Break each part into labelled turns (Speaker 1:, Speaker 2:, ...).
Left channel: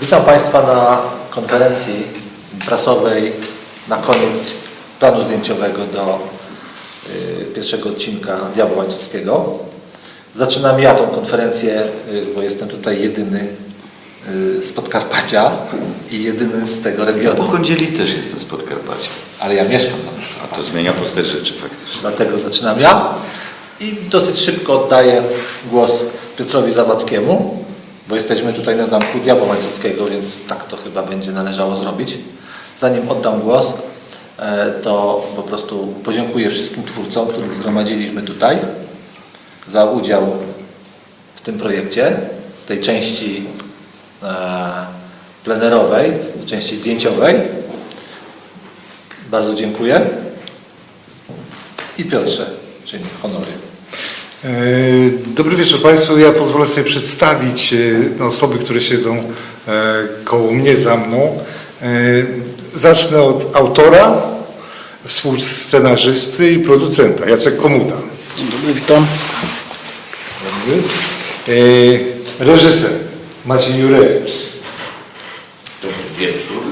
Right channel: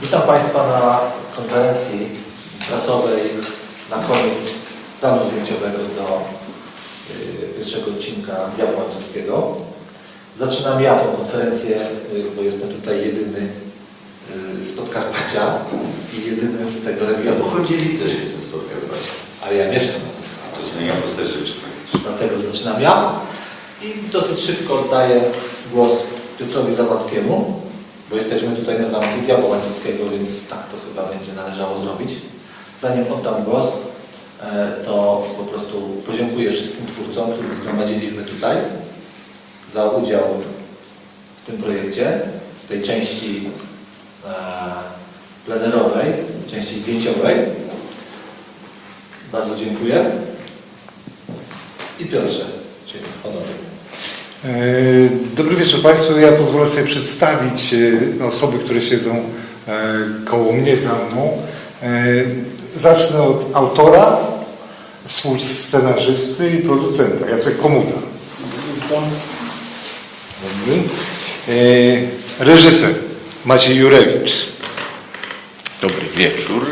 Speaker 1: Witam Państwa na konferencji prasowej na koniec planu zdjęciowego do y, pierwszego odcinka Diabła Łańcuckiego. Zaczynam ja tą konferencję, y, bo jestem tutaj jedyny y, z Podkarpacia i jedyny z tego Ja regionu. po
Speaker 2: kądzieli też jestem z Podkarpacia.
Speaker 1: Ale ja mieszkam tam.
Speaker 2: A to zmienia postać rzeczy faktycznie.
Speaker 1: Dlatego zaczynam ja i dosyć szybko oddaję głos Piotrowi Zawadzkiemu, bo jesteśmy tutaj na zamku Diabła Łańcuckiego, więc tak to chyba będzie należało zrobić. Zanim oddam głos, e, to po prostu podziękuję wszystkim twórcom, których zgromadziliśmy tutaj za udział w tym projekcie, w tej części e, plenerowej, części zdjęciowej. Bardzo dziękuję. I Piotrze, czyli honory. E,
Speaker 3: Dobry wieczór Państwu. Ja pozwolę sobie przedstawić e, osoby, które siedzą e, koło mnie, za mną. Zacznę od autora, współscenarzysty i producenta, Jacek Komuda. Dzień dobry, witam. Dobry. Reżyser Maciej Jurewicz.
Speaker 2: Dobry wieczór.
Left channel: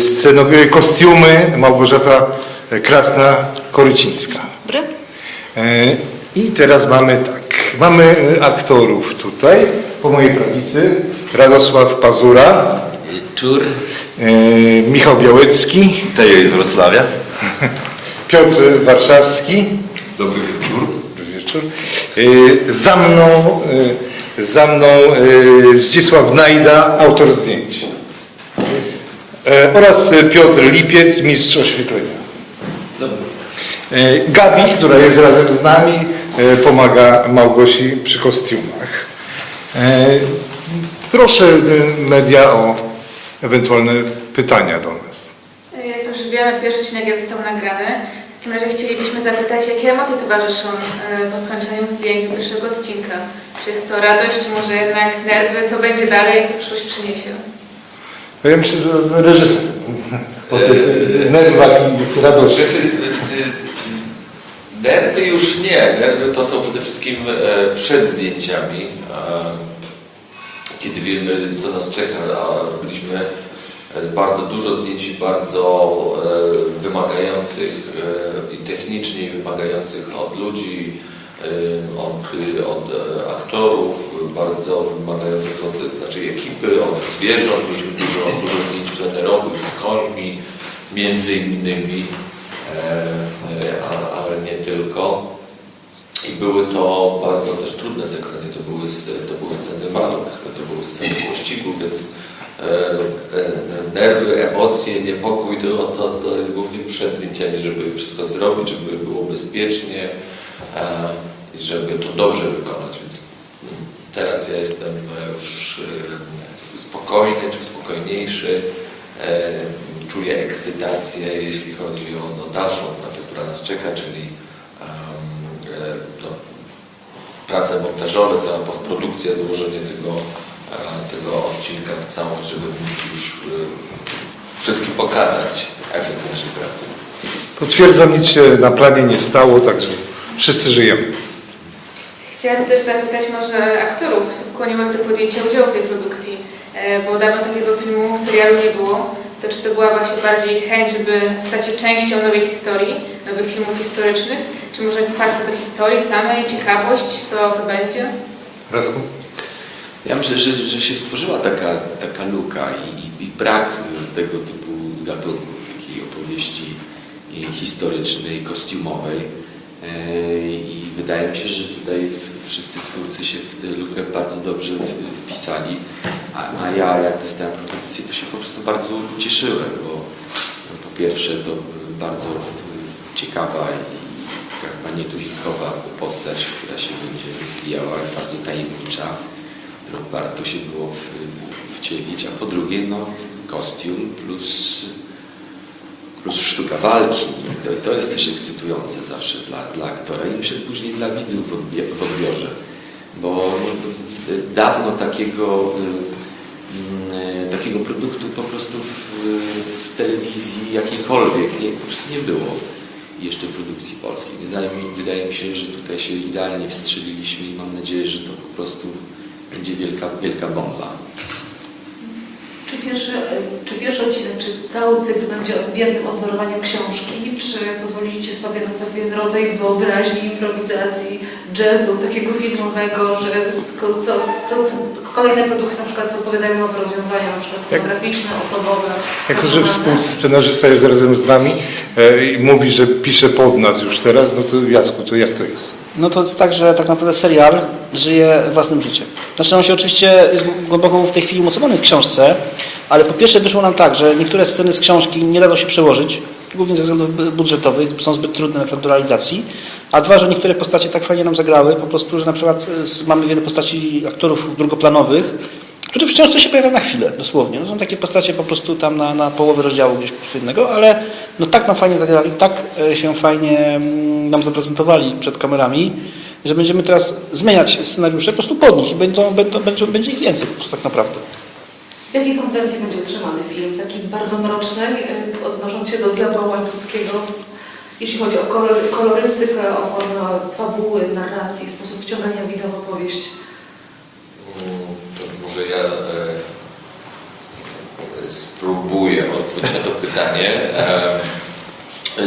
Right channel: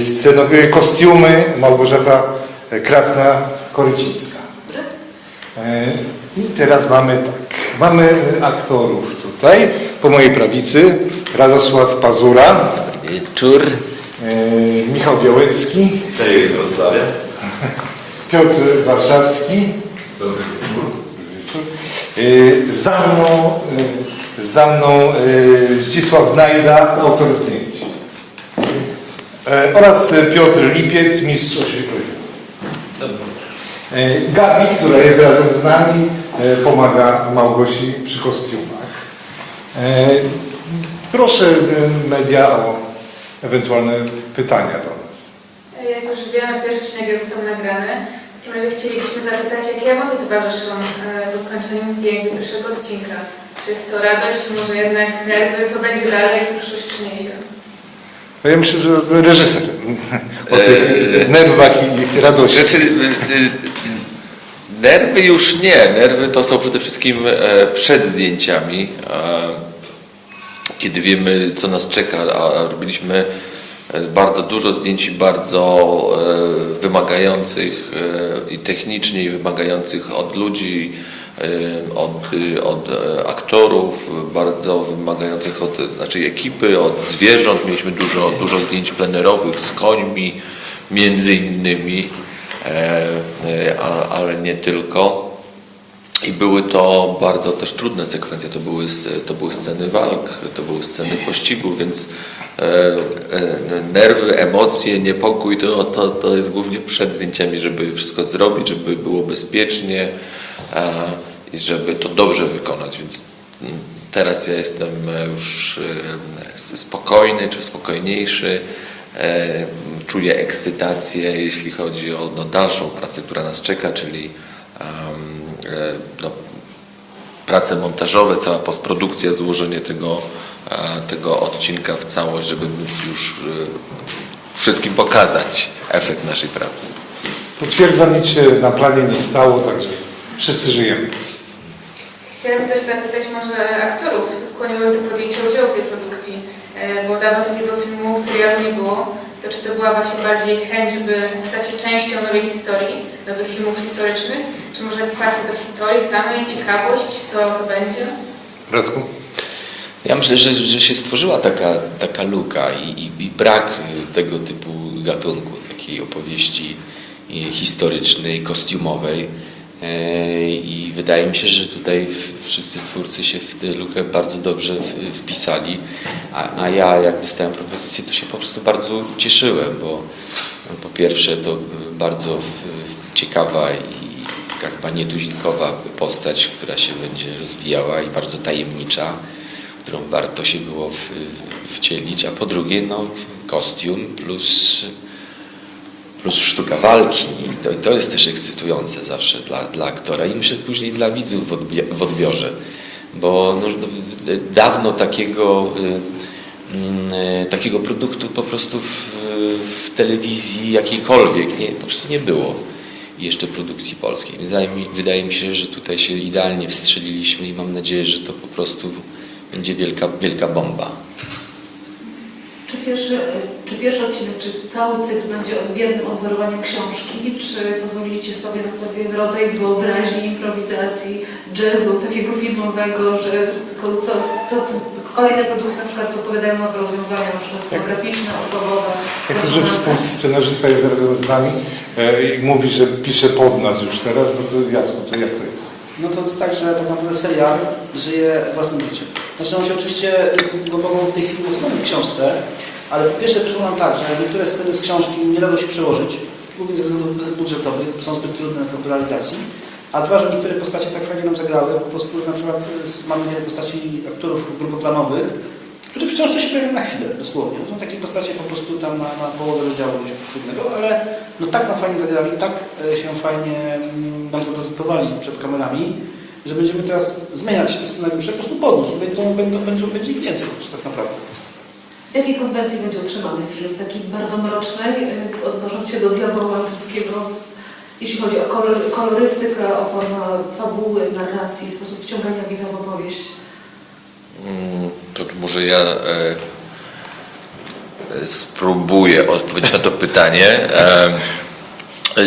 Speaker 3: Scenowie kostiumy Małgorzata Krasna-Korycińska. Dobry. E, I teraz mamy tak, mamy e, aktorów tutaj, po mojej prawicy Radosław Pazura, Wieczór. e, Michał Białecki, Daję z Wrocławia. Piotr Warszawski,
Speaker 2: Dobry wieczór. dobry wieczór,
Speaker 3: za mną, za mną Zdzisław Najda, autor zdjęć oraz Piotr Lipiec, mistrz oświetlenia. E, Gabi, która jest razem z nami, e, pomaga Małgosi przy kostiumach. E, Proszę e, media o ewentualne pytania do nas.
Speaker 4: Jak już wiemy, pierwszy odcinek został nagrany. W takim razie chcielibyśmy zapytać, jakie emocje towarzyszą e, po skończeniu zdjęć z pierwszego odcinka? Czy jest to radość, czy może jednak nerwy? Co będzie dalej, jak to przyszłość przyniesie?
Speaker 3: No Ja myślę, że reżyser o tych nerwach i radości. Rzeczy,
Speaker 2: nerwy już nie. Nerwy to są przede wszystkim e, przed zdjęciami, kiedy wiemy, co nas czeka. A robiliśmy e, bardzo dużo zdjęć bardzo e, wymagających i technicznie wymagających od ludzi, od, od aktorów, bardzo wymagających od znaczy ekipy, od zwierząt. Mieliśmy dużo, dużo zdjęć plenerowych z końmi, między innymi, ale nie tylko. I były to bardzo też trudne sekwencje, to były, to były sceny walk, to były sceny pościgu, więc e, e, nerwy, emocje, niepokój to, to, to jest głównie przed zdjęciami, żeby wszystko zrobić, żeby było bezpiecznie e, i żeby to dobrze wykonać. Więc mm, teraz ja jestem e, już e, spokojny czy spokojniejszy. Czuję ekscytację, jeśli chodzi o no, dalszą pracę, która nas czeka, czyli e, no, prace montażowe, cała postprodukcja, złożenie tego, e, tego odcinka w całość, żeby móc już e, wszystkim pokazać efekt naszej pracy.
Speaker 3: Potwierdzam, nic się na planie nie stało, także wszyscy żyjemy.
Speaker 4: Chciałam też zapytać może aktorów, co skłoniło do podjęcia udziału w tej produkcji. Bo dawno takiego filmu, serialu nie było. To czy to była właśnie bardziej chęć, żeby stać się częścią nowej historii, nowych filmów historycznych? Czy może pasja do historii samej, ciekawość, co to będzie?
Speaker 3: Radku?
Speaker 2: Ja myślę, że, że się stworzyła taka, taka luka i, i, i brak tego typu gatunku, takiej opowieści y, historycznej, kostiumowej. E, I wydaje mi się, że tutaj wszyscy twórcy się w tę lukę bardzo dobrze wpisali. A, a ja, jak dostałem propozycję, to się po prostu bardzo cieszyłem, bo no, po pierwsze to bardzo ciekawa i taka nietuzinkowa postać, która się będzie rozwijała i bardzo tajemnicza, którą warto się było w, wcielić, a po drugie no, kostium plus, plus sztuka walki. To, to jest też ekscytujące zawsze dla, dla aktora i myślę później dla widzów w, odbie, w odbiorze, bo no, no, dawno takiego, y, mm, takiego produktu po prostu w, w telewizji jakiejkolwiek nie, po prostu nie było jeszcze produkcji polskiej. Wydaje mi, wydaje mi się, że tutaj się idealnie wstrzeliliśmy i mam nadzieję, że to po prostu będzie wielka, wielka bomba.
Speaker 4: Pierwszy, e, czy pierwszy odcinek, czy cały cykl będzie odmiennym odzorowaniem książki, czy pozwolicie sobie na pewien rodzaj wyobraźni, improwizacji, jazzu, takiego filmowego, że tylko co, co, co, kolejne produkcje na przykład propowiadają nowe rozwiązania, na przykład scenograficzne, osobowe.
Speaker 3: Jako, że współscenarzysta jest razem z nami e, i mówi, że pisze pod nas już teraz, no to Jacku, to jak to jest?
Speaker 5: No to jest tak, że tak naprawdę serial żyje własnym życiem. Znaczy on się oczywiście jest głęboko w tej chwili umocowany w książce, ale po pierwsze wyszło nam tak, że niektóre sceny z książki nie dadzą się przełożyć, głównie ze względów budżetowych, są zbyt trudne na do realizacji, a dwa, że niektóre postacie tak fajnie nam zagrały, po prostu, że na przykład z- mamy wiele postaci aktorów drugoplanowych, którzy w książce się pojawiają na chwilę, dosłownie. No, są takie postacie po prostu tam na, na połowę rozdziału gdzieś innego, ale no tak nam fajnie zagrali, tak e, się fajnie mm, nam zaprezentowali przed kamerami, że będziemy teraz zmieniać scenariusze po prostu pod nich i będą, będą, będzie, będzie ich więcej po prostu tak naprawdę.
Speaker 4: W jakiej konwencji będzie utrzymany film? Takiej bardzo mrocznej, y, odnosząc się do diabła francuskiego, jeśli chodzi o kolor, kolorystykę, o formę fabuły, narracji, sposób wciągania widza w opowieść.
Speaker 2: Mm, To może ja e, e, spróbuję odpowiedzieć na to pytanie. E, e,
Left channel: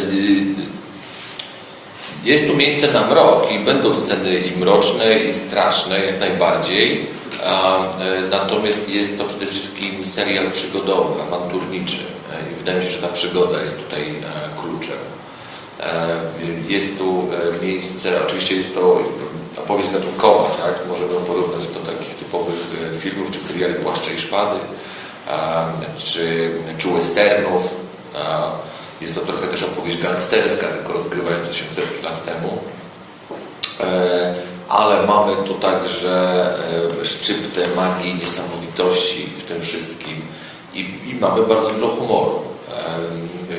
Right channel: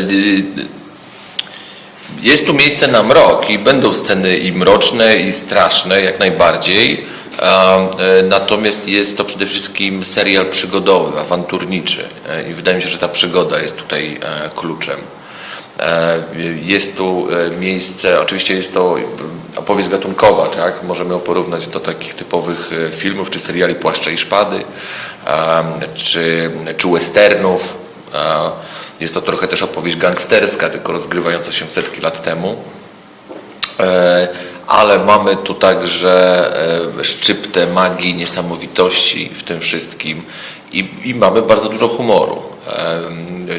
Speaker 2: Jest tu miejsce na mrok i będą sceny i mroczne, i straszne, jak najbardziej. E, Natomiast jest to przede wszystkim serial przygodowy, awanturniczy. E, I wydaje mi się, że ta przygoda jest tutaj e, kluczem. Jest tu miejsce, oczywiście jest to opowieść gatunkowa, tak? Możemy porównać do takich typowych filmów czy seriali Płaszcze i Szpady, czy, czy westernów. Jest to trochę też opowieść gangsterska, tylko rozgrywająca się setki lat temu. Ale mamy tu także e, szczyptę magii, niesamowitości w tym wszystkim i, i mamy bardzo dużo humoru.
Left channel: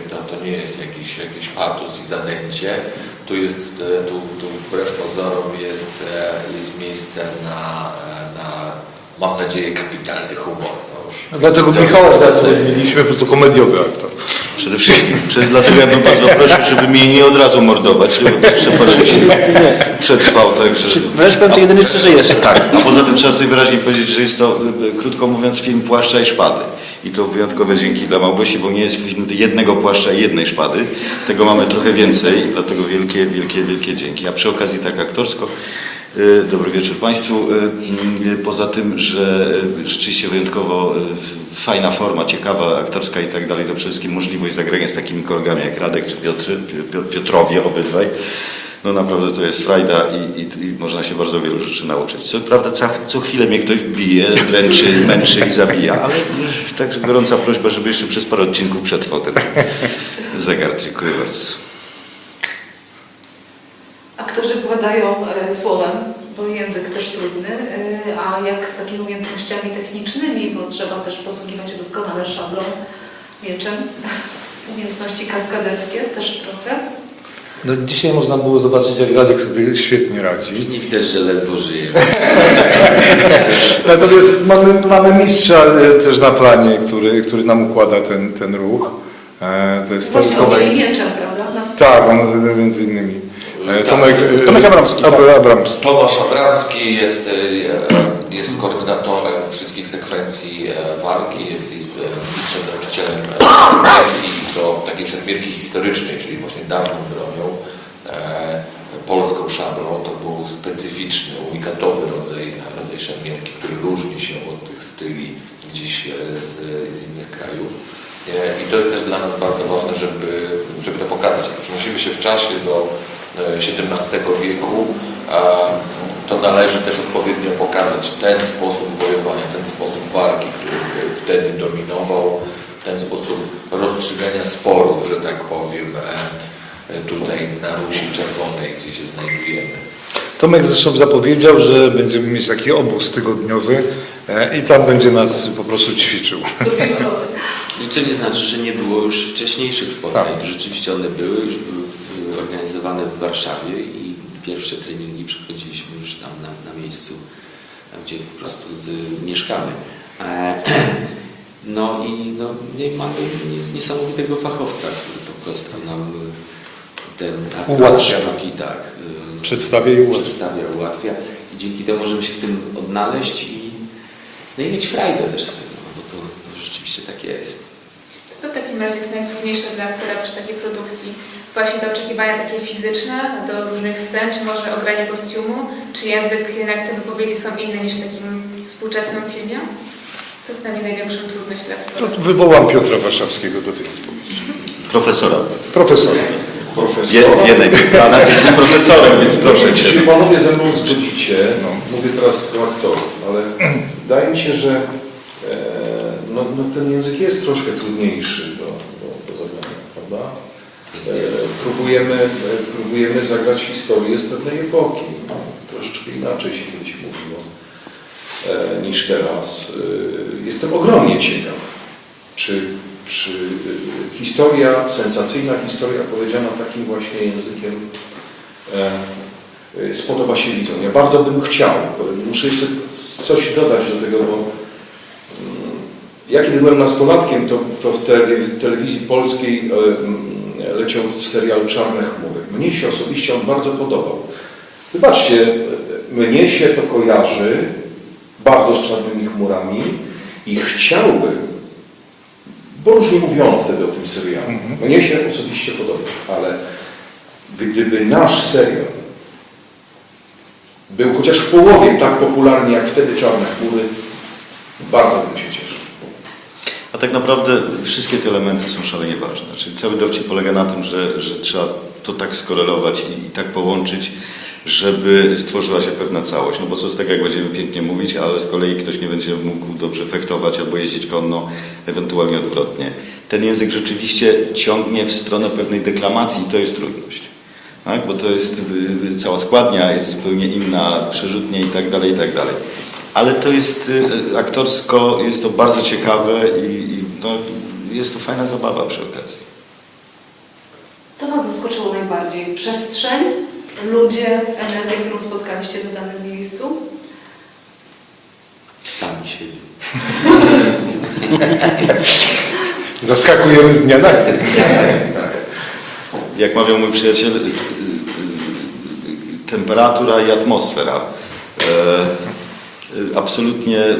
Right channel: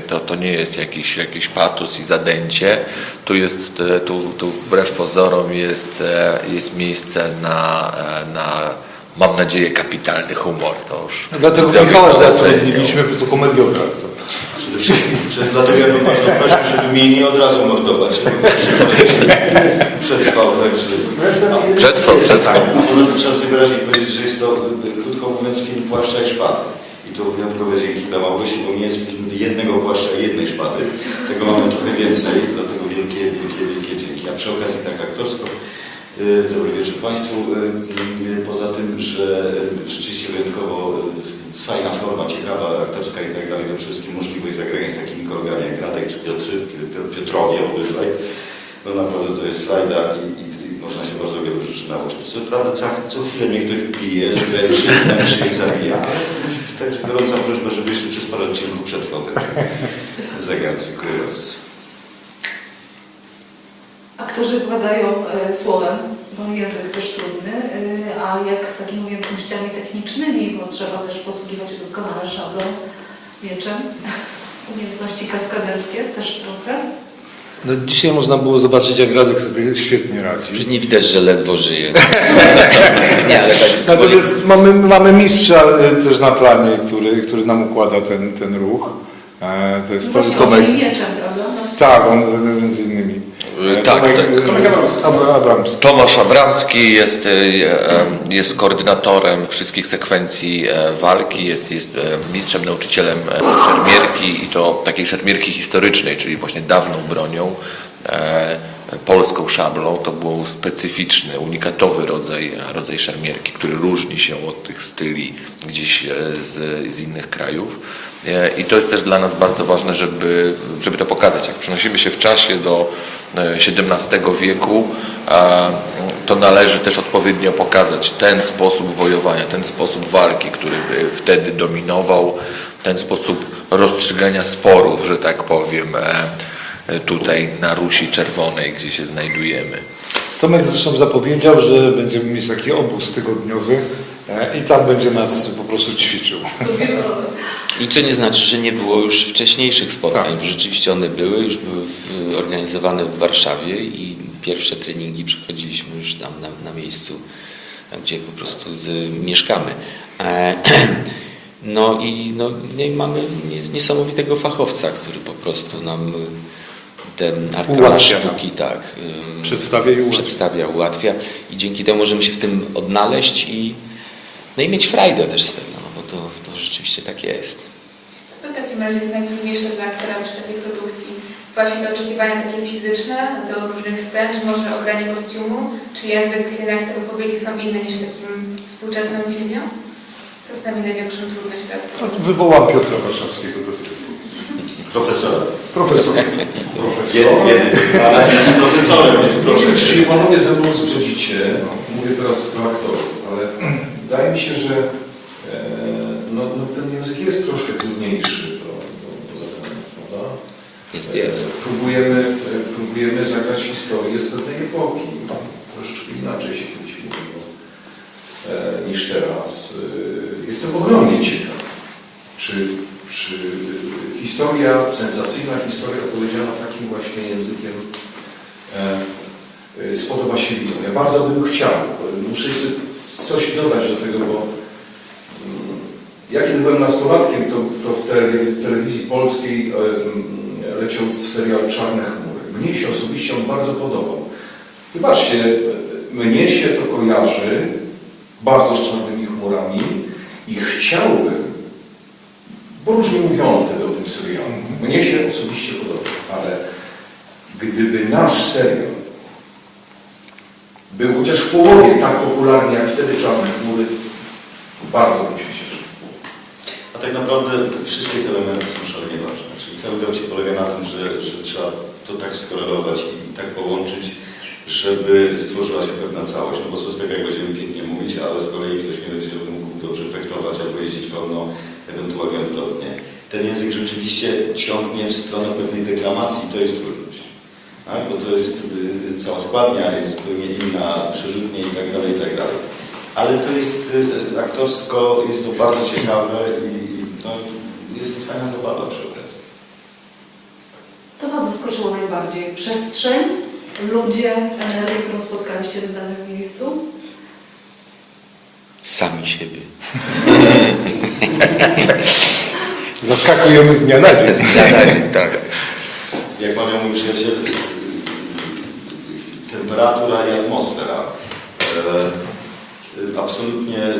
Speaker 2: To, to nie jest jakiś, jakiś patos i zadęcie. Tu jest, e, tu, tu wbrew pozorom jest, e, jest miejsce na, na, mam nadzieję, kapitalny humor. To
Speaker 3: już dlatego Michała ocenią. zatrudniliśmy, bo to komediowy aktor. Przede
Speaker 2: wszystkim, przed, dlatego ja bym bardzo prosił, żeby mnie nie od razu mordować, jeszcze parę godzin przetrwał, także... Możesz pewnie jedyny przed- przeżyjesz. Tak, a poza tym trzeba sobie wyraźnie powiedzieć, że jest to, e, krótko mówiąc, film Płaszcza i Szpady. I to wyjątkowe dzięki dla Małgosi, bo nie jest film jednego płaszcza i jednej szpady. Tego mamy trochę więcej, dlatego wielkie, wielkie, wielkie dzięki. A przy okazji tak aktorsko, e, dobry wieczór Państwu. E, m, Poza tym, że e, rzeczywiście wyjątkowo e, fajna forma, ciekawa, aktorska i tak dalej, to przede wszystkim możliwość zagrania z takimi kolegami jak Radek czy Piotr, Pi- Piotrowie obydwaj. No naprawdę to jest frajda i, i, i można się bardzo wielu rzeczy nauczyć. Co prawda co, co chwilę mnie ktoś bije, dręczy, męczy i zabija, ale także gorąca prośba, żeby jeszcze przez parę odcinków przetrwał ten zegar. Dziękuję bardzo.
Speaker 4: Aktorzy władają e, słowem, bo język też trudny, e, a jak z takimi umiejętnościami technicznymi, bo trzeba też posługiwać się doskonale szablą, mieczem, umiejętności kaskaderskie też trochę.
Speaker 3: No, dzisiaj można było zobaczyć, jak Radek sobie świetnie radzi.
Speaker 2: Nie widać, że ledwo żyje.
Speaker 3: Natomiast mamy, mamy mistrza e, też na planie, który, który nam układa ten, ten ruch.
Speaker 4: E, To jest Tomek. ogień mieczem, prawda?
Speaker 3: Tak, on między innymi. E, Tak, Tomek,
Speaker 2: Tomek Abramski, tak. Ab- Abramski. Tomasz Abramski jest, e, e, jest koordynatorem wszystkich sekwencji walki, jest, jest mistrzem, nauczycielem szermierki i to takiej szermierki historycznej, czyli właśnie dawną bronią, polską szablą. To był specyficzny, unikatowy rodzaj, rodzaj szermierki, który różni się od tych styli gdzieś z, z innych krajów. I to jest też dla nas bardzo ważne, żeby, żeby to pokazać. Jak przenosimy się w czasie do XVII wieku, a to należy też odpowiednio pokazać ten sposób wojowania, ten sposób walki, który wtedy dominował, ten sposób rozstrzygania sporów, że tak powiem, e, tutaj na Rusi Czerwonej, gdzie się znajdujemy.
Speaker 3: Tomek zresztą zapowiedział, że będziemy mieć taki obóz tygodniowy e, i tam będzie nas po prostu ćwiczył.
Speaker 2: I co nie znaczy, że nie było już wcześniejszych spotkań. Tak. Rzeczywiście one były, już były w, organizowane w Warszawie i pierwsze treningi przechodziliśmy już tam na, na miejscu, gdzie po prostu z, mieszkamy. E, no i no, i mamy nies- niesamowitego fachowca, który po prostu nam
Speaker 3: ten nam. sztuki tak, Przedstawia i ułatwia. przedstawia, ułatwia
Speaker 2: i dzięki temu możemy się w tym odnaleźć i, no i mieć frajdę też z tego, no bo to, to rzeczywiście tak jest.
Speaker 4: Co w takim razie jest najtrudniejsze dla aktora przy takiej produkcji? Właśnie te oczekiwania takie fizyczne do różnych scen, czy może ogranie kostiumu, czy język, jednak te wypowiedzi są inne niż w takim współczesnym filmie? Co stanowi największą trudność dla No,
Speaker 3: aktora? to wywołam Piotra Warszawskiego do tej odpowiedzi. Profesora. Profesor.
Speaker 2: Wie, Wiedek, a nas jest nie profesorem, więc proszę
Speaker 6: Czy panowie ze mną zgodzicie, mówię teraz do aktorów, ale wydaje mi się, że no, no, ten język jest troszkę trudniejszy do, do, do prawda? Jest, E. Próbujemy, e, próbujemy zagrać historię z pewnej epoki. Troszeczkę inaczej się kiedyś mówiło e, niż teraz. Jestem ogromnie ciekaw, czy, czy historia, sensacyjna historia powiedziana takim właśnie językiem spodoba się widzom. Ja bardzo bym chciał, muszę jeszcze coś dodać do tego, bo ja kiedy byłem nastolatkiem, to, to w tele- telewizji polskiej e, leciał serial Czarne chmury. Mnie się osobiście on bardzo podobał. Wybaczcie, mnie się to kojarzy bardzo z czarnymi chmurami i chciałbym, bo różnie mówiono wtedy o tym serialu. Mhm. Mnie się osobiście podobał, ale gdyby nasz serial był chociaż w połowie tak popularny jak wtedy Czarne Chmury, bardzo bym się cieszył.
Speaker 2: A tak naprawdę wszystkie te elementy są szalenie ważne. Czyli cały dowcip polega na tym, że, że trzeba to tak skorelować i, i tak połączyć, żeby stworzyła się pewna całość. No bo co z tego, jak będziemy pięknie mówić, ale z kolei ktoś nie będzie mógł dobrze fektować albo jeździć konno, ewentualnie odwrotnie. Ten język rzeczywiście ciągnie w stronę pewnej deklamacji i to jest trudność. Tak? Bo to jest y, cała składnia, jest zupełnie inna, przerzutnie i tak dalej, i tak dalej. Ale to jest y, aktorsko, jest to bardzo ciekawe i, i no, jest to fajna zabawa przy okazji.
Speaker 4: Co Was zaskoczyło najbardziej? Przestrzeń, ludzie, energię, którą spotkaliście w danym miejscu?
Speaker 2: Sami siebie.
Speaker 3: Zaskakujemy z dnia na dzień. tak.
Speaker 2: Jak mawiał mój przyjaciel, y, y, y, temperatura i atmosfera. E, y, absolutnie y,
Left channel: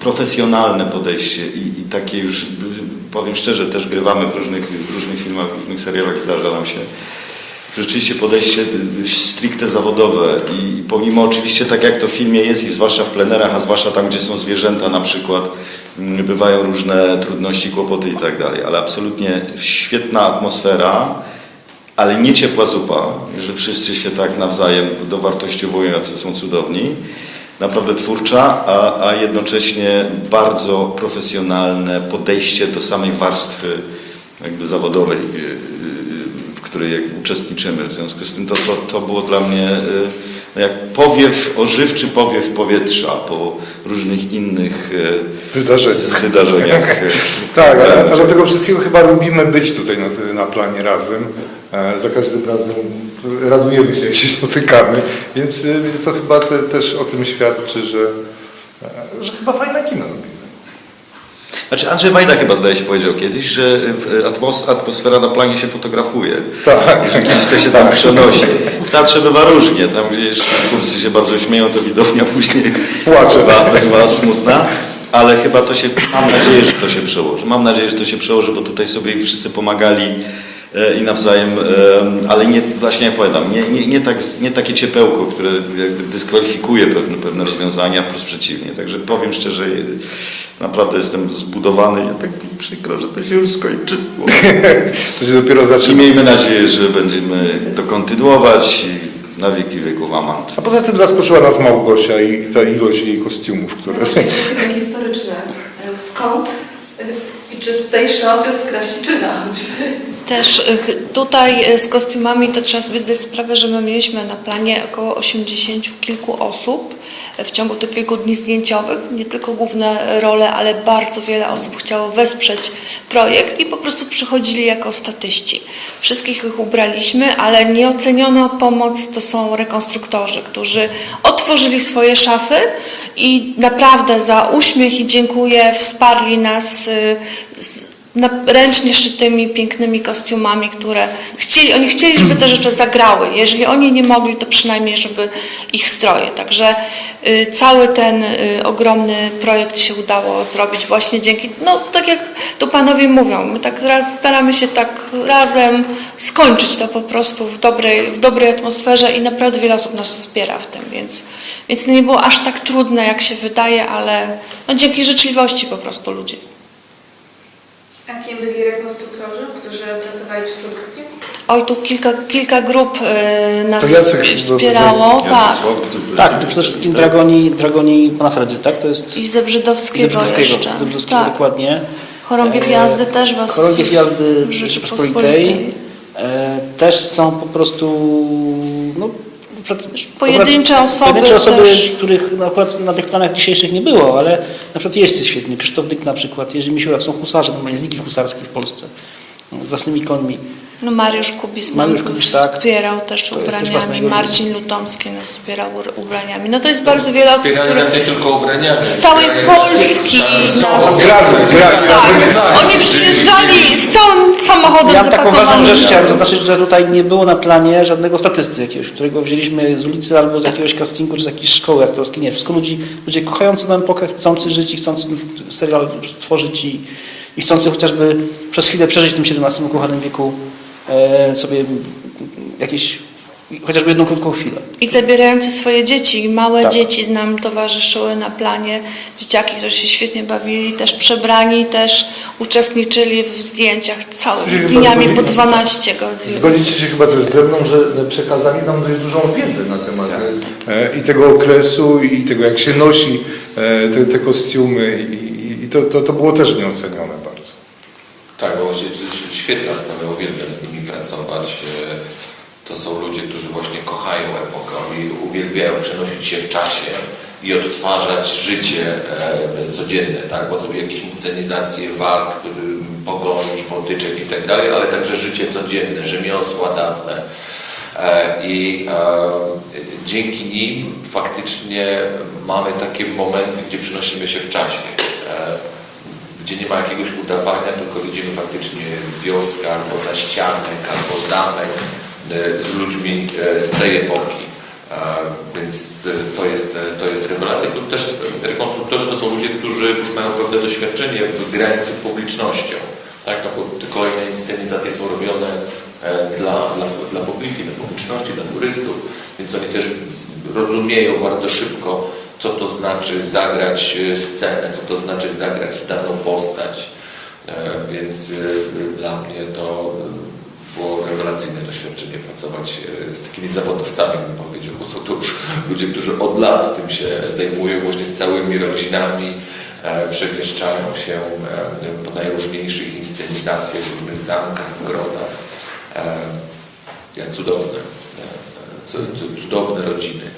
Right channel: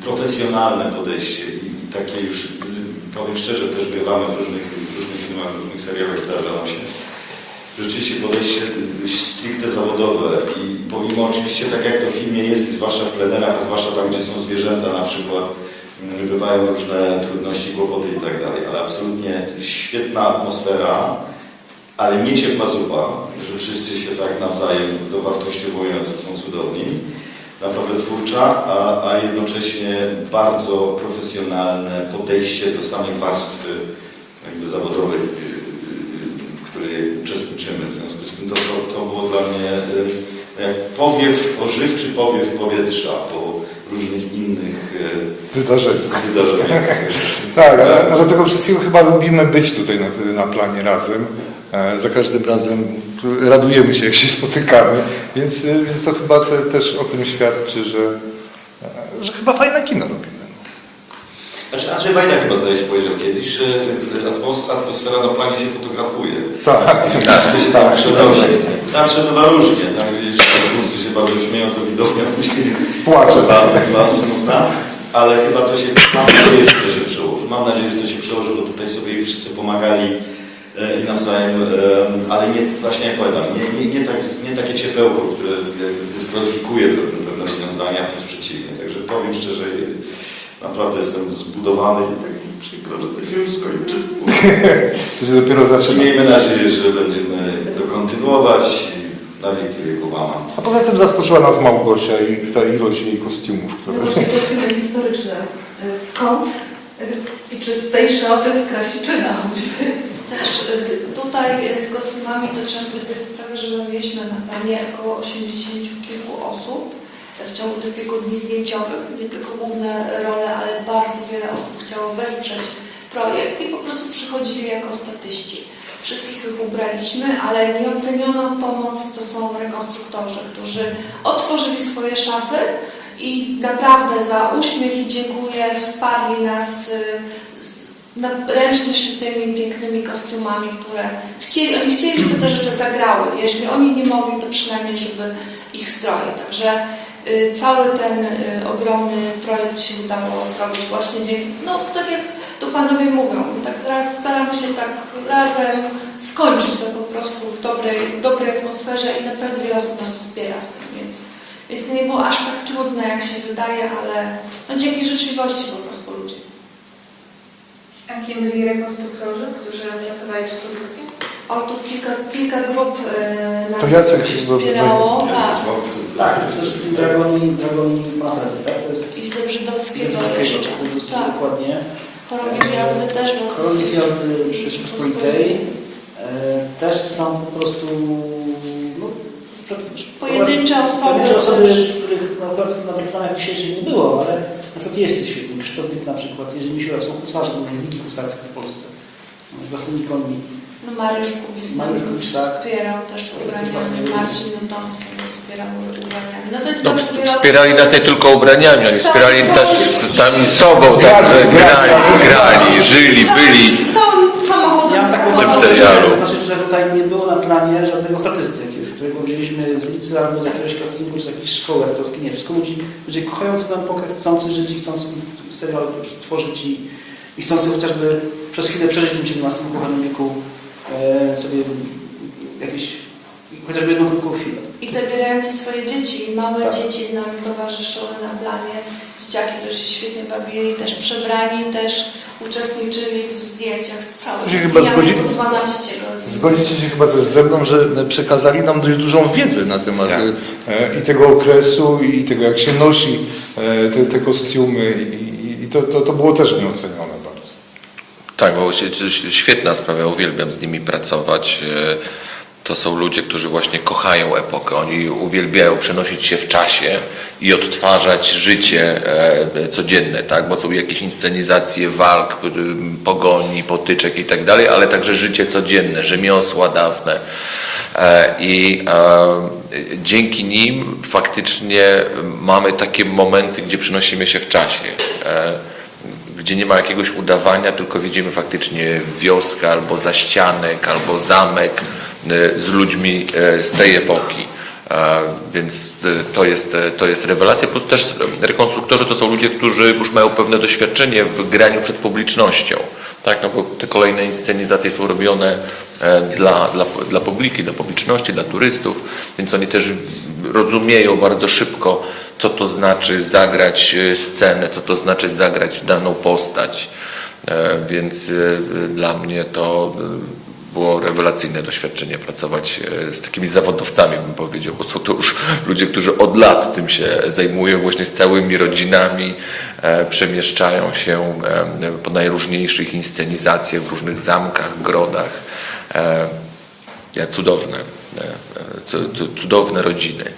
Speaker 2: profesjonalne podejście i, i takie już, y, powiem szczerze, też grywamy w różnych, w różnych filmach, w różnych serialach, zdarza nam się. Rzeczywiście podejście y, stricte zawodowe i pomimo oczywiście tak jak to w filmie jest i zwłaszcza w plenerach, a zwłaszcza tam, gdzie są zwierzęta na przykład, mm, bywają różne trudności, kłopoty i tak dalej, ale absolutnie świetna atmosfera, ale nie ciepła zupa, że wszyscy się tak nawzajem dowartościowują, jacy są cudowni. Naprawdę twórcza, a, a jednocześnie bardzo profesjonalne podejście do samej warstwy jakby zawodowej, y, y, w której uczestniczymy. W związku z tym to, to, to było dla mnie y, no jak powiew, ożywczy powiew powietrza po różnych innych y, Wydarzenia. wydarzeniach.
Speaker 3: Tak, a, a dlatego wszystkiego chyba lubimy być tutaj na, na planie razem. Za każdym razem radujemy się, jak się spotykamy, więc, e, więc to chyba te, też o tym świadczy, że, e, że chyba fajne kino robimy.
Speaker 2: Znaczy Andrzej Wajda chyba zdaje się powiedział kiedyś, że y, atmos- atmosfera na planie się fotografuje. Tak. To się tam przenosi. W teatrze bywa różnie. Tam gdzieś twórcy się bardzo śmieją, to widownia później Płacze. bywa smutna. Ale chyba to się, mam nadzieję, że to się przełoży. Mam nadzieję, że to się przełoży, bo tutaj sobie wszyscy pomagali i nawzajem, e, ale nie, właśnie jak powiadam, nie, nie, nie, tak, nie takie ciepełko, które jakby dyskwalifikuje pewne, pewne rozwiązania, plus przeciwnie. Także powiem szczerze, naprawdę jestem zbudowany i tak przykro, że to się już skończyło. To się dopiero I zaczyna. miejmy nadzieję, że będziemy to kontynuować i na wieki wieków aman.
Speaker 3: A poza tym zaskoczyła nas Małgosia i ta ilość jej kostiumów, które...
Speaker 4: Historyczne. Skąd i czy z tej szafy z Krasiczyna choćby?
Speaker 7: Też tutaj y, z kostiumami to trzeba sobie zdać sprawę, że my mieliśmy na planie około 80 kilku osób w ciągu tych kilku dni zdjęciowych. Nie tylko główne role, ale bardzo wiele osób chciało wesprzeć projekt i po prostu przychodzili jako statyści. Wszystkich ich ubraliśmy, ale nieoceniono pomoc to są rekonstruktorzy, którzy otworzyli swoje szafy i naprawdę za uśmiech i dziękuję wsparli nas y, ręcznie szytymi, pięknymi kostiumami, które chcieli, oni chcieli, żeby te rzeczy zagrały. Jeżeli oni nie mogli, to przynajmniej, żeby ich stroje. Także y, cały ten y, ogromny projekt się udało zrobić właśnie dzięki, no tak jak tu panowie mówią, my tak teraz staramy się tak razem skończyć to po prostu w dobrej, w dobrej atmosferze i naprawdę wiele osób nas wspiera w tym, więc, więc nie było aż tak trudne, jak się wydaje, ale no, dzięki życzliwości po prostu ludzi.
Speaker 4: A kim byli rekonstruktorzy, którzy pracowali przy produkcji?
Speaker 7: Oj, tu kilka, kilka grup y, nas To Jacek wspierało, tak.
Speaker 5: Tak, to przede wszystkim Dragoni, Dragoni Pana Fredy, tak? To jest
Speaker 7: I Zebrzydowskiego, Zebrzydowskiego, jeszcze.
Speaker 5: Zebrzydowskiego tak. dokładnie.
Speaker 7: Chorągiew jazdy też was... Chorągiew
Speaker 5: jazdy Rzeczypospolitej. Rzeczypospolitej e, też są po prostu
Speaker 7: Pojedyncze akurat- osoby pojedyncze osoby też.
Speaker 5: których no, akurat na tych planach dzisiejszych nie było, ale na przykład jeźdźcy świetni, Krzysztof Dyk na przykład, Jerzy Misiura, są husarze, normalnie z ligi husarskiej w Polsce, no, z własnymi konmi.
Speaker 7: No Mariusz Kubis Mariusz Kubis, tak. wspierał też To jest też ubraniami, własnego- Marcin Lutomski nas wspierał ubraniami. No to jest bardzo wiele osób.
Speaker 2: Wspierali nas nie tylko ubraniami, Z wspierali nas sami sobą.
Speaker 7: Grali, grali razem z nami. Oni żyli, przyjeżdżali byli. z całym samochodem Ja
Speaker 5: mam taką ważną rzecz chciałem zaznaczyć, że tutaj nie było na planie żadnego statysty jakiegoś, którego wzięliśmy z ulicy albo z jakiegoś castingu, czy z jakiejś szkoły aktorskiej. Nie, wszystko ludzi, ludzie kochający na epokę, chcący żyć i chcący serial tworzyć i, i chcący chociażby przez chwilę przeżyć w tym XVII ukochanym wieku e, sobie jakieś, chociażby jedną krótką chwilę.
Speaker 7: I zabierający swoje dzieci, i małe Tak. dzieci nam towarzyszyły na planie. Dzieciaki, którzy się świetnie bawili, też przebrani, też uczestniczyli w zdjęciach całymi dniami po zgodzi- 12 godzin.
Speaker 3: Zgodzicie się chyba ze mną, że przekazali nam dość dużą wiedzę na temat e, i tego okresu, i tego jak się nosi e, te, te kostiumy i, to, to, to było też nieocenione bardzo.
Speaker 2: Tak, bo świetna sprawa, uwielbiam z nimi pracować. To są ludzie, którzy właśnie kochają epokę, oni uwielbiają przenosić się w czasie i odtwarzać życie e, codzienne, tak? bo są jakieś inscenizacje walk, pogoni, potyczek i tak dalej, ale także życie codzienne, rzemiosła dawne. E, I e, dzięki nim faktycznie mamy takie momenty, gdzie przenosimy się w czasie. Gdzie nie ma jakiegoś udawania, tylko widzimy faktycznie wioskę albo zaścianek, albo zamek z ludźmi e, z tej epoki. E, Więc e, to jest, e, to jest rewelacja. Plus też rekonstruktorzy to są ludzie, którzy już mają pewne doświadczenie w graniu przed publicznością. Tak, no te kolejne inscenizacje są robione e, dla, dla, dla publiki, dla publiczności, dla turystów, więc oni też rozumieją bardzo szybko, co to znaczy zagrać e, scenę, co to znaczy zagrać daną postać. E, Więc e, dla mnie to e, było rewelacyjne doświadczenie pracować e, z takimi zawodowcami, bym powiedział, bo są to już ludzie, którzy od lat tym się zajmują, właśnie z całymi rodzinami, e, przemieszczają się e, po najróżniejszych inscenizacjach w różnych zamkach, grodach. Cudowne, cu- cu- cudowne rodziny.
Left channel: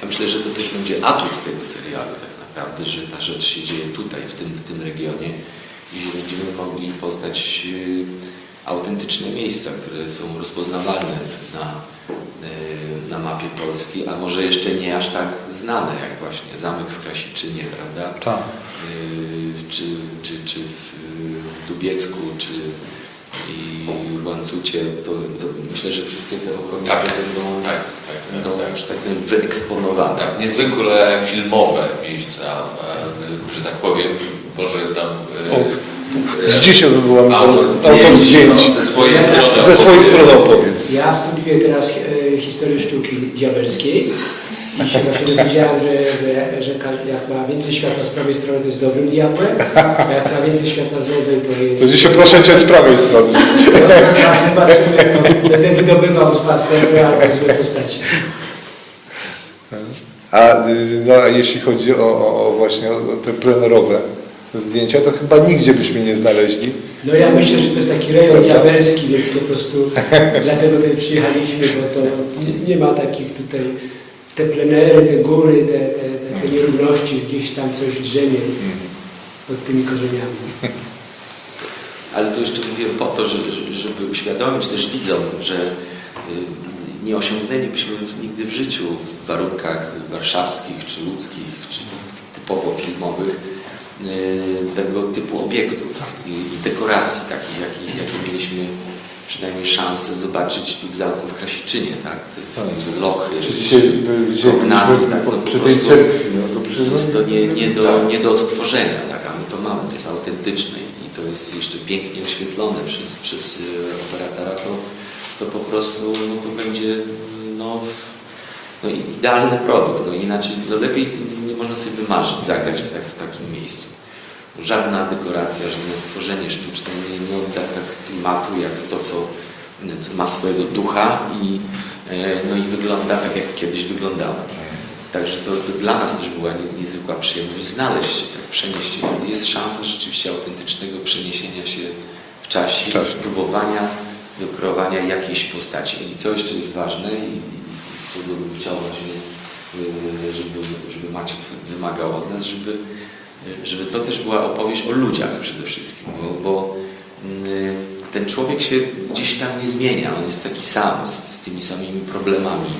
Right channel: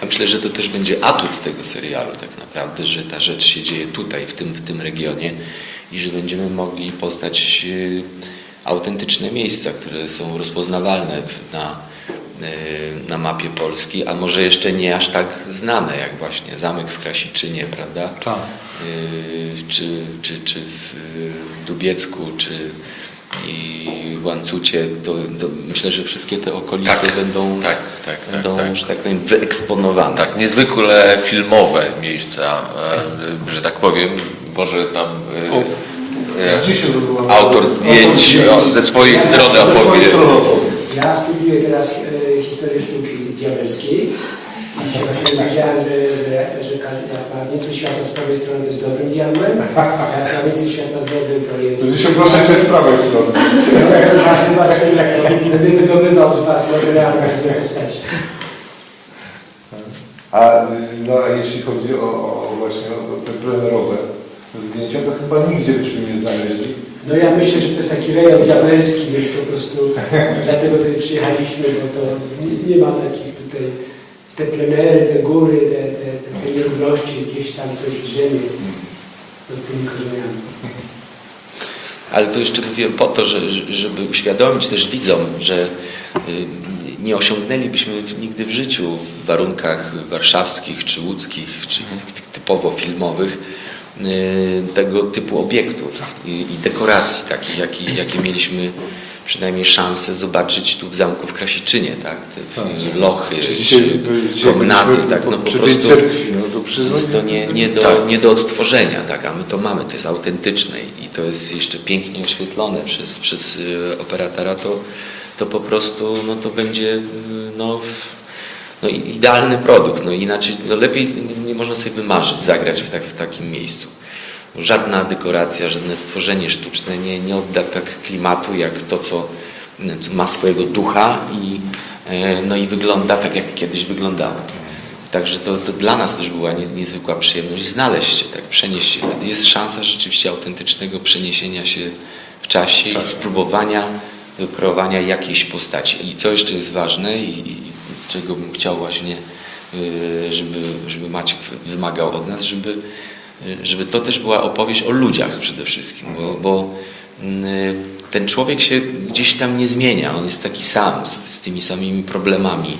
Speaker 2: Ja myślę, że to też będzie atut tego serialu tak naprawdę, że ta rzecz się dzieje tutaj, w tym, w tym regionie i że będziemy mogli poznać y, autentyczne miejsca, które są rozpoznawalne w- na, y, na mapie Polski, a może jeszcze nie aż tak znane, jak właśnie zamek w Krasiczynie, prawda? Tak. Y, czy, czy, czy w Dubiecku, czy i Łańcucie, to, to myślę, że wszystkie te okolice Tak, będą, tak, tak, tak, będą tak. że tak powiem, wyeksponowane. Tak, niezwykle filmowe miejsca, e, że tak powiem, może tam e, O,
Speaker 3: e, Z
Speaker 2: autor zdjęć ze swojej strony Ze swojej opowie. strony
Speaker 8: opowiedz. Ja studiuję teraz e, historię sztuki diabelskiej i się właśnie dowiedziałem, że, że, że każdy jak ma więcej światła z prawej strony to jest dobrym diabłem, a jak ma więcej światła z lewej to jest...
Speaker 3: To dzisiaj proszę Cię z prawej strony.
Speaker 8: A zobaczymy, no, będę wydobywał z Was te albo złe postacie.
Speaker 3: A, y, no, a jeśli chodzi o, o, o właśnie o, o te plenerowe zdjęcia, to chyba nigdzie byśmy nie znaleźli.
Speaker 8: No ja myślę, że to jest taki rejon diabelski, więc po prostu dlatego tutaj przyjechaliśmy, bo to nie, nie ma takich tutaj, te plenery, te góry, te, te, te, te nierówności, gdzieś tam coś drzemie pod tymi korzeniami.
Speaker 2: Ale to jeszcze mówię po to, że, że- żeby uświadomić też widzom, że y, nie osiągnęlibyśmy nigdy w życiu w warunkach warszawskich, czy łódzkich, czy typowo filmowych tego typu obiektów i, dekoracji takich, jakie, jakie mieliśmy przynajmniej szansę zobaczyć tu w zamku w Krasiczynie, tak? Te Tak. lochy, Czy dzisiaj czy byliśmy komnaty, tak? No po prostu cerkwi, no to jest to nie, nie, do, Tak. nie do odtworzenia, tak? A my to mamy, to jest autentyczne i to jest jeszcze pięknie oświetlone przez, przez y, operatora, to, to po prostu no, to będzie y, no, no, idealny produkt. No, inaczej no, lepiej nie, można sobie wymarzyć zagrać w, tak, w takim miejscu. Żadna dekoracja, żadne stworzenie sztuczne nie, nie odda tak klimatu jak to, co y, ma swojego ducha i, y, no, i wygląda tak, jak kiedyś wyglądało. Także to, to dla nas też była nie- niezwykła przyjemność znaleźć się, tak, przenieść się. Wtedy jest szansa rzeczywiście autentycznego przeniesienia się w czasie i spróbowania kreowania jakiejś postaci. I co jeszcze jest ważne i czego bym chciał właśnie, y, żeby, żeby Maciek wymagał od nas, żeby, żeby to też była opowieść o ludziach przede wszystkim, bo, bo y, ten człowiek się gdzieś tam nie zmienia, on jest taki sam, z, z tymi samymi problemami.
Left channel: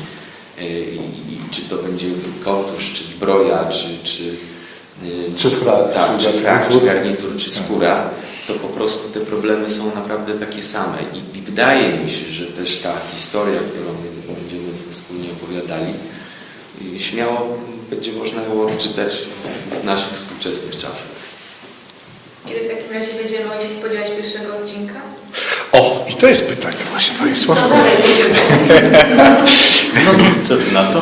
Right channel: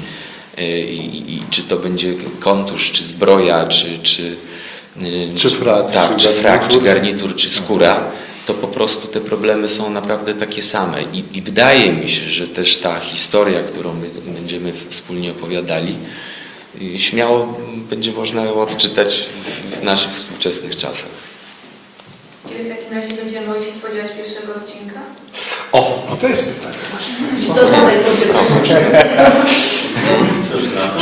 Speaker 2: Y, I, i, i czy to będzie kontusz, czy zbroja, czy, czy, Czy frak, tak, czy frak, czy garnitur. garnitur, czy skóra, to po prostu te problemy są naprawdę takie same. I, I wydaje mi się, że też ta historia, którą my będziemy wspólnie opowiadali, y, śmiało będzie można ją odczytać w- naszych współczesnych czasach.
Speaker 4: Kiedy w takim razie będziemy mogli się spodziewać pierwszego odcinka?
Speaker 3: O, i to jest pytanie właśnie Państwa.
Speaker 1: Cóż na to?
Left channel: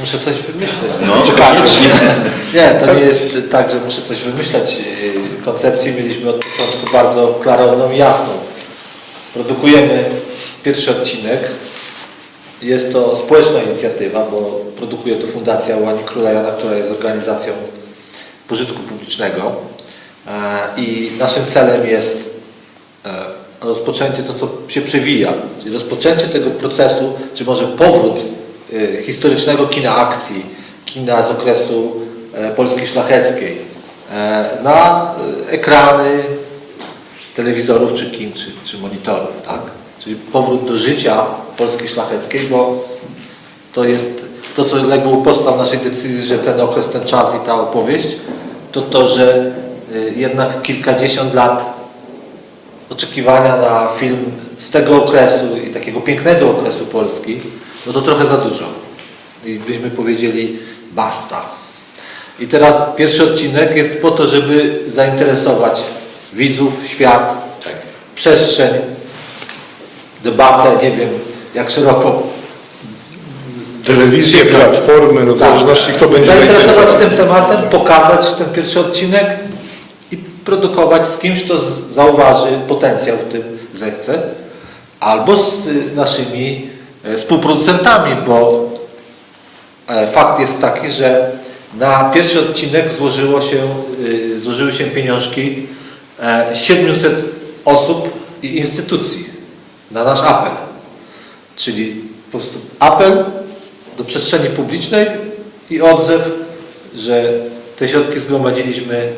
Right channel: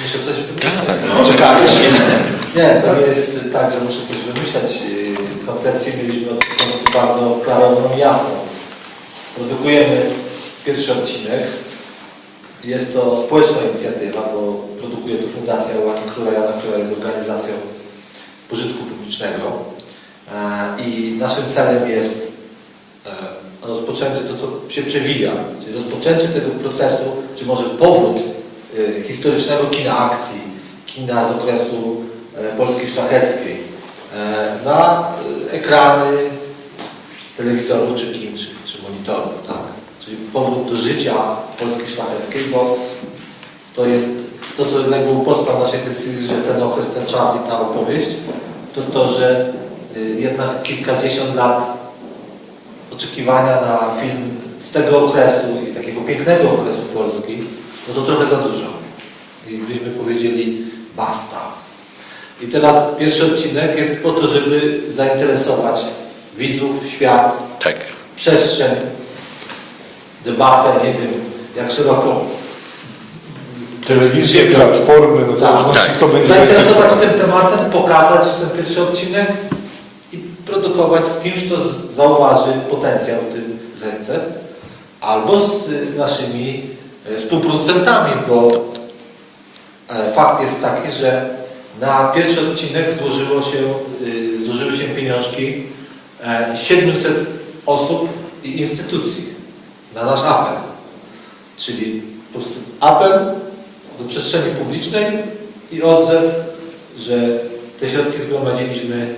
Speaker 1: Muszę coś wymyśleć. No, Nie, to nie jest tak, że muszę coś wymyślać. Koncepcję mieliśmy od początku bardzo klarowną i jasną. Produkujemy pierwszy odcinek. Jest to społeczna inicjatywa, bo produkuje to Fundacja Łani Króla Jana, która jest organizacją pożytku publicznego. E, I naszym celem jest e, rozpoczęcie to, co się przewija, czyli rozpoczęcie tego procesu, czy może powrót e, historycznego kina akcji, kina z okresu Polski Szlacheckiej na e, ekrany telewizorów, czy kin, czy, czy monitorów, tak? Czyli powrót do życia Polski Szlacheckiej, bo to jest to, co legło u podstaw naszej decyzji, że ten okres, ten czas i ta opowieść, to to, że y, jednak kilkadziesiąt lat oczekiwania na film z tego okresu i takiego pięknego okresu Polski, no to trochę za dużo. I byśmy powiedzieli basta. I teraz pierwszy odcinek jest po to, żeby zainteresować widzów, świat, Tak. przestrzeń, debatę, nie wiem jak szeroko
Speaker 3: Telewizje, platformy, no w Tak, zależności kto będzie
Speaker 1: zainteresować tym tematem, pokazać ten pierwszy odcinek i produkować z kimś, kto zauważy potencjał w tym zechce, albo z naszymi e, współproducentami, bo e, fakt jest taki, że na pierwszy odcinek złożyło się, y, złożyły się pieniążki e, 700 osób i instytucji na nasz apel. Czyli po prostu apel do przestrzeni publicznej i odzew, że te środki zgromadziliśmy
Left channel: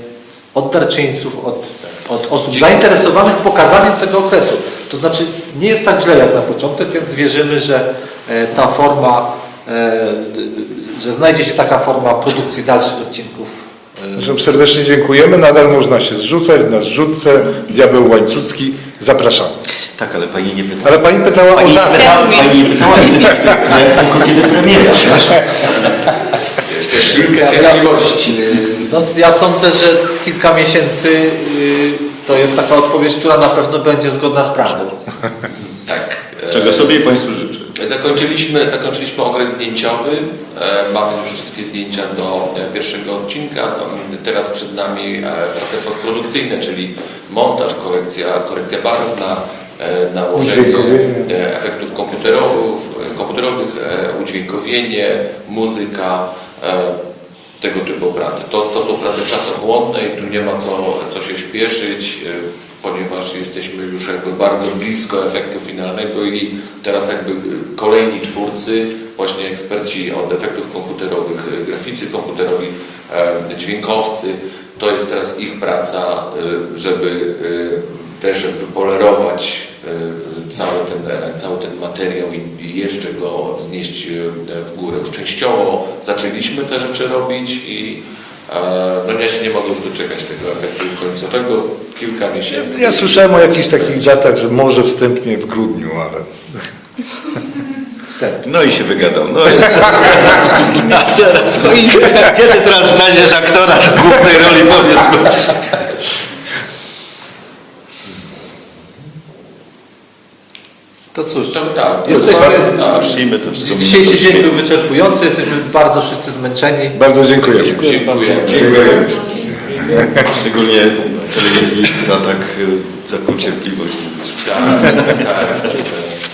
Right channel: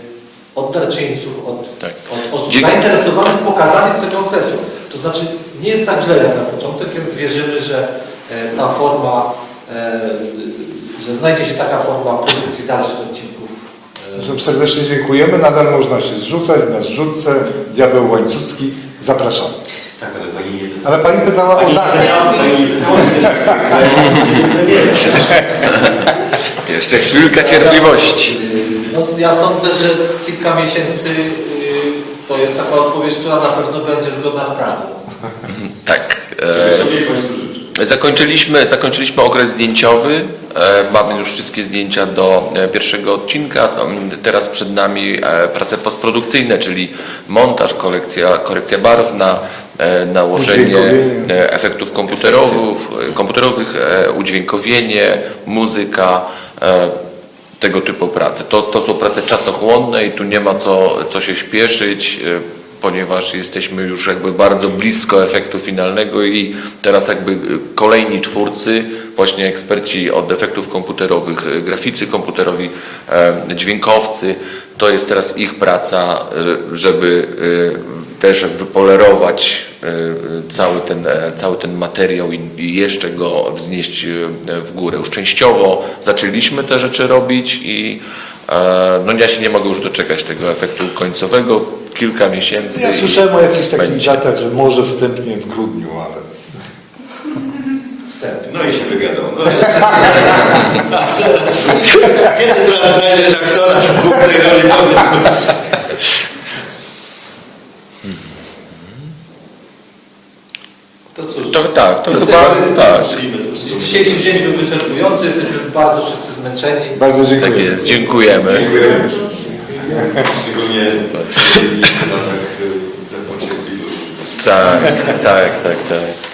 Speaker 1: od darczyńców, od, od osób zainteresowanych pokazaniem tego okresu. To znaczy nie jest tak źle jak na początek, więc wierzymy, że e, ta forma, e, że znajdzie się taka forma produkcji dalszych odcinków.
Speaker 3: Zresztą serdecznie dziękujemy. Nadal można się zrzucać na zrzutce Diabeł Łańcucki. Zapraszamy.
Speaker 2: Tak, ale pani nie pytała.
Speaker 3: Ale Pani pytała o Pani nie datę. pytała, pani nie pytała,
Speaker 2: premiera. Jeszcze chwilkę cierpliwości.
Speaker 1: No, ja sądzę, że kilka miesięcy y, to jest taka odpowiedź, która na pewno będzie zgodna z prawdą.
Speaker 2: Tak. Czego sobie życzę. Zakończyliśmy, zakończyliśmy okres zdjęciowy. E, Mamy już wszystkie zdjęcia do e, pierwszego odcinka. Tam Teraz przed nami e, prace postprodukcyjne, czyli montaż, korekcja, korekcja barwna, nałożenie efektów komputerowych, komputerowych udźwiękowienie, muzyka, tego typu prace. To, to są prace czasochłonne i tu nie ma co, co się śpieszyć, ponieważ jesteśmy już jakby bardzo blisko efektu finalnego i teraz jakby e, kolejni twórcy, właśnie eksperci od efektów komputerowych, e, graficy komputerowi, e, dźwiękowcy, to jest teraz ich praca, e, żeby e, też jakby polerować e, cały ten, e, cały ten materiał i, jeszcze go wznieść w górę. Już częściowo zaczęliśmy te rzeczy robić i No ja się nie mogę już doczekać tego efektu końcowego. Kilka miesięcy.
Speaker 3: Ja słyszałem o jakichś takich datach, że może wstępnie w grudniu, ale...
Speaker 2: No i się wygadał. No i teraz, gdzie ty teraz znajdziesz aktora do głównej roli, powiedz mi. To cóż, To tak, to Jesteśmy-
Speaker 1: chyba tak. Przyjmy to wszystko. dzisiejszy dzień był wyczerpujący, jesteśmy bardzo wszyscy zmęczeni.
Speaker 3: Bardzo Tak dziękuję. jest, dziękujemy.
Speaker 2: Szczególnie telewizji za tak, y, taką cierpliwość. Tak, tak, tak, tak.